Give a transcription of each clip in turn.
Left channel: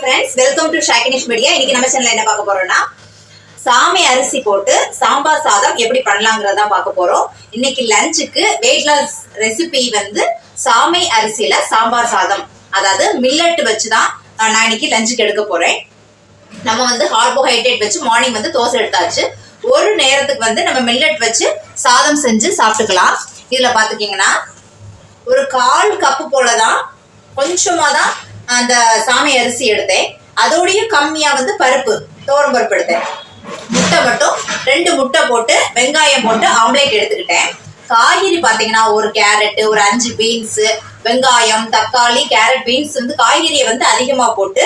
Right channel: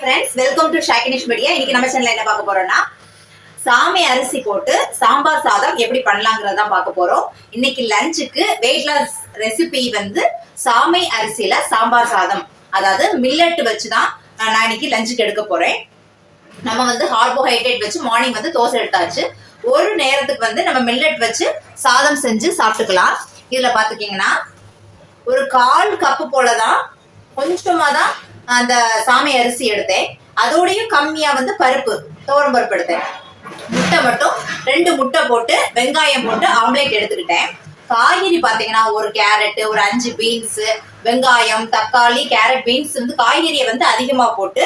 Friends welcome to ஷாக்கினிஷ் media இன்னைக்கு நம்ம சேனல்ல என்ன பார்க்க போறோம்னா சாமை அரிசி போட்டு சாம்பார் சாதம் எப்படி பண்ணலாங்கிறத பார்க்க போறோம். இன்னைக்கு லஞ்சுக்கு வெயிட் லாஸ் ரெசிபி வந்து சாமை அரிசியில சாம்பார் சாதம். அதாவது மில்லட் வச்சு தான் நான் இன்னைக்கு லஞ்சுக்கு எடுக்க போறேன். நம்ம வந்து கார்போஹைட்ரேட் வச்சு மார்னிங் வந்து தோசை எடுத்தாச்சு. ஒரு நேரத்துக்கு வந்து நம்ம மில்லட் வச்சு சாதம் செஞ்சு சாப்பிட்டுக்கலாம். இதுல பார்த்துக்கிங்கன்னா ஒரு கால் கப்பு போல தான் கொஞ்சமாக தான் அந்த சாமி அரிசி எடுத்தேன். அதோடையும் கம்மியாக வந்து பருப்பு துவரம் பருப்பு எடுத்தேன். முட்டை மட்டும் ரெண்டு முட்டை போட்டு வெங்காயம் போட்டு ஆம்லேட் எடுத்துக்கிட்டேன். காய்கறி பார்த்தீங்கன்னா ஒரு கேரட்டு ஒரு அஞ்சு பீன்ஸு வெங்காயம் தக்காளி கேரட் பீன்ஸ் வந்து காய்கறியை வந்து அதிகமாக போட்டு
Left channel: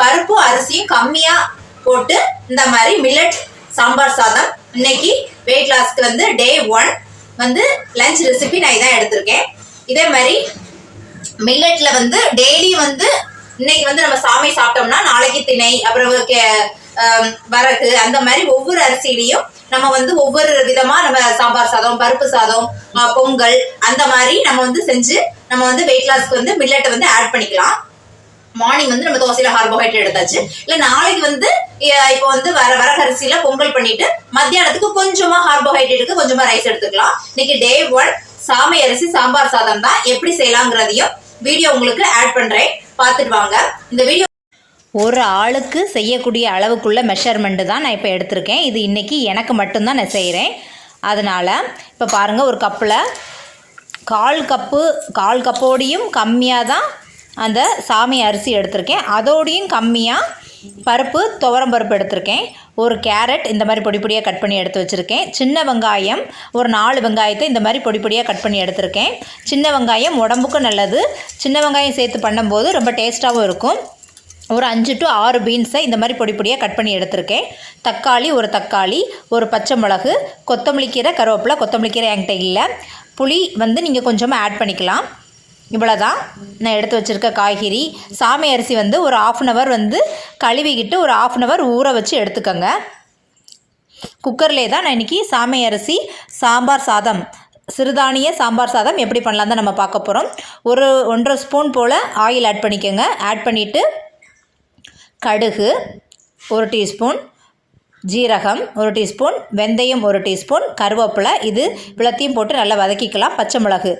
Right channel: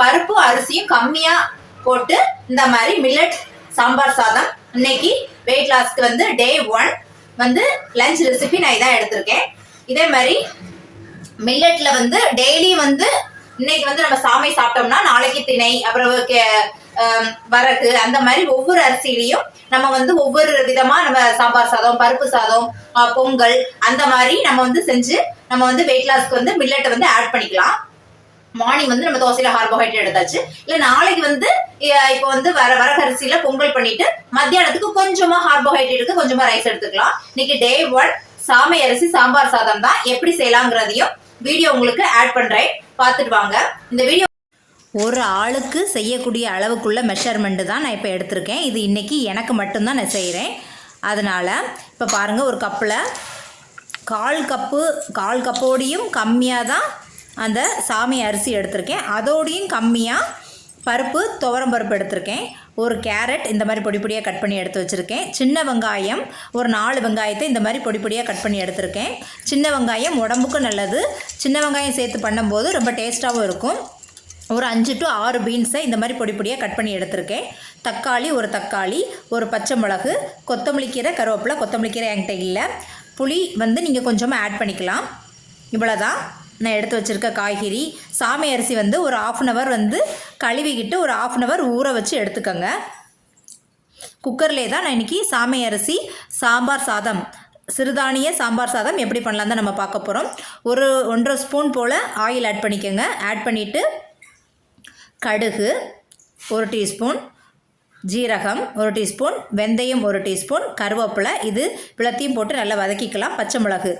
பருப்பு அரிசியும் கம்மியாக போட்டு இந்த மாதிரி மில்லட் சாம்பார் சாதம். இன்னைக்கு வெயிட் லாஸ்க்கு வந்து டே ஒன் வந்து லஞ்ச் ரெசிபி நான் இதான் எடுத்திருக்கேன். இதே மாதிரி மில்லட்ல வந்து டெய்லி வந்து இன்னைக்கு வந்து நம்ம சாமை சாப்பிட்டோம்னா நாளைக்கு திணை அப்புறம் கே- வரகு அந்த மாதிரி ஒவ்வொரு அரிசியிலையும் நம்ம வந்து ஒவ்வொரு விதமா நம்ம சாம்பார் சாதம் பருப்பு சாதம் பொங்கல் அந்த மாதிரி நம்ம வந்து செஞ்சு நம்ம வந்து வெயிட் லாஸ்க்கு வந்து மில்லட்டை வந்து ஆட் பண்ணிக்கலாம். மார்னிங் வந்து நம்ம தோசையில கார்போஹைட்ரேட் எடுத்தாச்சு. இல்ல நாளைக்கு வந்து இப்போ வந்து வர வரகரிசியில பொங்கல் பண்ணிட்டு மத்தியானத்துக்கு கொஞ்சமா கார்போஹைட்ரேட்டுக்கு கொஞ்சமா ரைஸ் எடுத்துக்கலாம். இன்னைக்கு டே ஒன் சாமை அரிசி சாம்பார் சாதம் தான் எப்படி செய்யலாங்கிறதையும் வீடியோ உங்களுக்கு ஆட் பண்ணுறேன் பார்த்துட்டு வாங்க. இந்த வீடியோ ஒரு ஆளுக்கு செய்யக்கூடிய அளவுக்குள்ள மெஷர்மெண்ட்டு தான் நான் இப்போ எடுத்திருக்கேன். இது இன்றைக்கி எனக்கு மட்டும்தான் நான் செய்கிறேன் அதனால் இப்போ பாருங்கள் ஒரு கப்பில் கால் கப்பு கால் கப்போடையும் கம்மியாக தான் அந்த சாமி அரிசி எடுத்திருக்கேன். அதோடையும் கம்மியாக பருப்பு துவரம் பருப்பு எடுத்திருக்கேன். ஒரு கேரட் இந்த மாதிரி பொடி பொடியாக கட் பண்ணி எடுத்து வச்சுருக்கேன். சின்ன வெங்காயம் ஒரு நாலு வெங்காயத்தை இந்த மாதிரி பொடி பொடியாக கட் பண்ணி எடுத்திருக்கேன். சின்ன வெங்காயம் உடம்புக்கும் நல்லது. சின்ன வெங்காயம் சேர்த்து பண்ணும்போது ரொம்ப டேஸ்ட்டாகவும் இருக்கும். ஒரு அஞ்சு டு ஆறு பீன்ஸை இந்த மாதிரி பொடி பொடியாக கட் பண்ணி எடுத்திருக்கேன். தக்காளி ஒரு தக்காளி ஒரு பச்சை மிளகு கொத்தமல்லி கீரை கருவேப்பிலை கொத்தமல்லி கீரை என்கிட்ட இல்லை. புளி வந்து நீங்கள் கொஞ்சமாக ஆட் பண்ணிக்கலாம். இவ்வளோதான் நான் எடுத்து வச்சுருக்க காய்கறி. சாமை அரிசி வந்து ஒரு ஆஃப் அன் ஹவர் வந்து கழுவிக்கிட்டு ஒரு ஆஃப் அன் ஹவர் ஊற வச்சு எடுத்துக்கோங்க. குக்கர்லேயே தான் நான் இன்றைக்கி சாமை அரிசி சாம்பார் சாதம் சிறுதானிய சாம்பார் சாதம் எப்படி பண்ணலாம் தான் நம்ம பார்க்க போகிறோம் ஒரு ஒன்றரை ஸ்பூன் போல் ஆயில் ஆட் பண்ணிக்கோங்க. ஆட் பண்ணிவிட்டு கடுகு ஒரு டீஸ்பூன் ஜீரகம் ஒரு டீஸ்பூன் வெந்தயம் ஒரு டீஸ்பூன் கருவேப்பிலை. இது இவ்வளோத்தையும் போட்டு நல்லா வதக்கிக்கலாம். பச்சை மிளகு.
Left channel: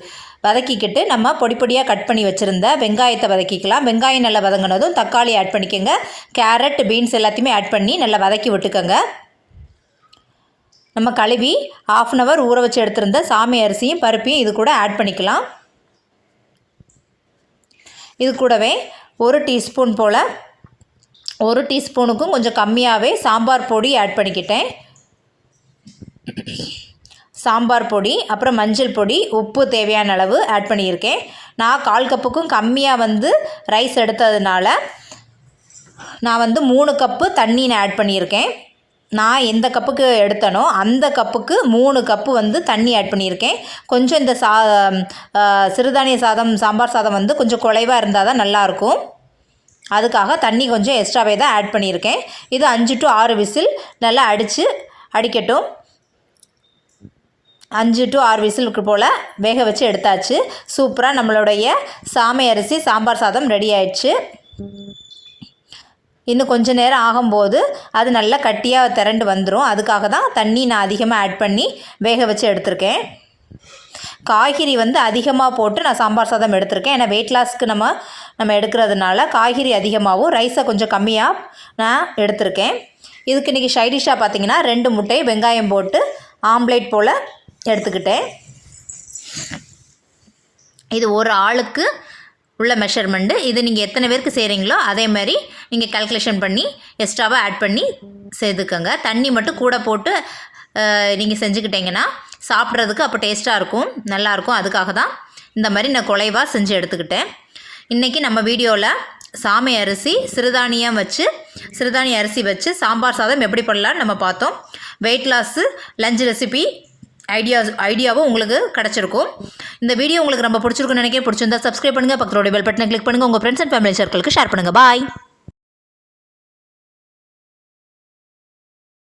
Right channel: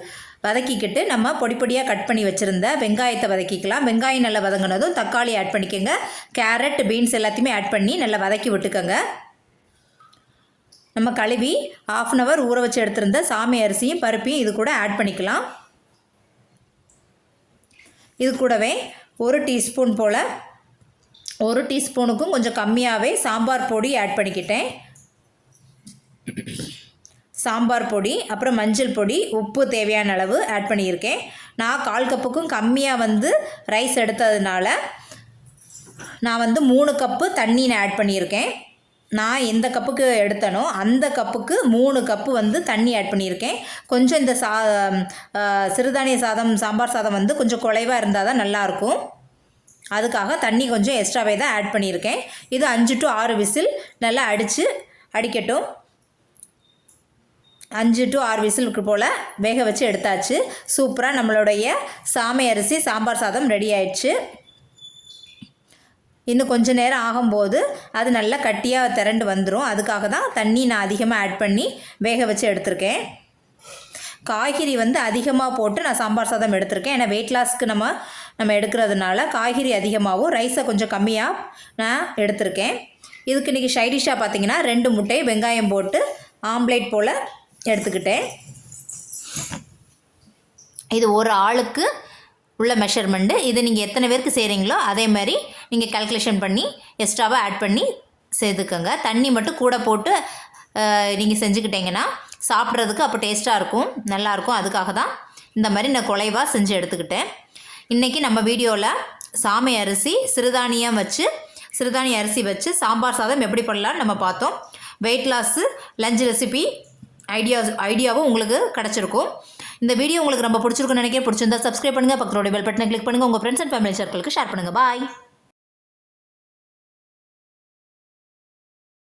வதக்கிக்கிட்டு நம்ம பொடி பொடியாக கட் பண்ணி வச்சுருந்த வெங்காயத்தை வதக்கிக்கலாம். வெங்காயம் நல்லா வதங்கினதும் தக்காளி ஆட் பண்ணிக்கோங்க. கேரட் பீன்ஸ் எல்லாத்தையுமே ஆட் பண்ணி நல்லா வதக்கி விட்டுக்கோங்க. நம்ம கழுவி ஆஃப் அன் ஹவர் ஊற வச்சு எடுத்திருந்த சாமி அரிசியும் பருப்பையும் இது கூட ஆட் பண்ணிக்கலாம். இது கூடவே ஒரு டீஸ்பூன் போல் ஒரு டீஸ்பூனுக்கும் கொஞ்சம் கம்மியாகவே சாம்பார் பொடி ஆட் பண்ணிக்கிட்டேன். சாம்பார் பொடி அப்புறம் மஞ்சள் பொடி உப்பு தேவையான அளவு ஆட் பண்ணியிருக்கேன். நான் கால் கப்புக்கும் கம்மியாக வந்து ரைஸ் எடுத்ததுனால நான் வந்து மூணு கப்பு தண்ணி நான் ஆட் பண்ணியிருக்கேன். நான் எந்த கப்புக்கு எடுத்தனோ அந்த கப்புக்கு மூணு கப்பு வந்து தண்ணி ஆட் பண்ணியிருக்கேன். கொஞ்சம் இந்த சா சிறுதானிய சாதம் சாம்பார் சாதம் வந்து கொஞ்சம் குறைவாக இருந்தால் தான் நல்லாயிருக்கும். அதுக்காக தண்ணி கொஞ்சம் எக்ஸ்ட்ராவே தான் ஆட் பண்ணியிருக்கேன். இது அஞ்சு டு ஆறு விசில் நல்லா அடித்து அடிக்கட்டும். அஞ்சு டு ஆறு விசிலுக்கு போல் வேக வச்சு எடுத்தாச்சு. சூப்பராக நம்மளுடைய சாமை அரிசி சாம்பார் சாதம் ரெடி ஆயிடுச்சு. இன்னும் கொஞ்சம் நேரம் ஆகும்போது அது நல்லா கட்டியாக திரண்டு வந்துடும் அதுக்காக தான் தண்ணி நான் அதிகமாக ஆட் பண்ணி வேக வச்சு எடுத்திருக்கேன். காய்கறி வந்து அதிகமாக போட்டு நான் சாம்பார் சாதம் எடுத்திருக்கேன். ஏன்னா வெயிட் லாஸ்க்கு நம்ம நம்ம எடுக்கிறதுனால காய்கறி அதிகமாகவும் ரைஸை கொஞ்சம் கம்மியாக நான் எடுத்திருக்கேன். இதுக்கு இன்றைக்கி ஷைடிஷாக பார்த்தீங்கன்னா ரெண்டு முட்டை வெங்காயம் போட்டு ஆம்லேட் போல் எடுத்துக்கிட்டேன். இது ஒரு ஆளுக்கு உள்ள மெஷர்மெண்ட்டு இது நீங்கள் எத்தனை பேருக்கு செய்கிறீங்களோ அதே மாதிரி நீங்கள் கால்குலேஷன் பண்ணி எக்ஸ்ட்ராவாக ஆட் பண்ணி சேர்த்துக்கோங்க தண்ணி மட்டும் கூட போட்டு நீங்கள் செஞ்சுக்கிட்டீங்கன்னா சாப்பிட்றதுக்கு அப்போ டேஸ்ட்டாக இருக்கும் நல்லாயிருக்கும் அதுக்காக தான் இந்த மாதிரி நான் குலைவாக செஞ்சு எடுத்துக்கிட்டேன். இன்றைக்கி நம்ம வீடியோவில் சாமை அரிசி சிறுதானியம் வச்சு சிறுதானிய அரிசி வச்சு சாம்பார் சாதம் எப்படி பண்ணலான்னு நம்ம பார்த்தோம். Weight loss lunch recipe ideas ஐடியாவும் உங்களுக்கு கிடச்சிருக்கும். இந்த வீடியோ உங்களுக்கு ரொம்ப பிடிச்சிருக்குன்னு நினைக்கிறேன். பிடிச்சிருந்தா சப்ஸ்கிரைப் பண்ணுங்கள் பக்கத்தோட பெல் பட்டனை கிளிக் பண்ணுங்கள் உங்கள் ஃப்ரெண்ட்ஸ் அண்ட் ஃபேமிலி சர்க்கிளுக்கு ஷேர் பண்ணுங்கள் பாய்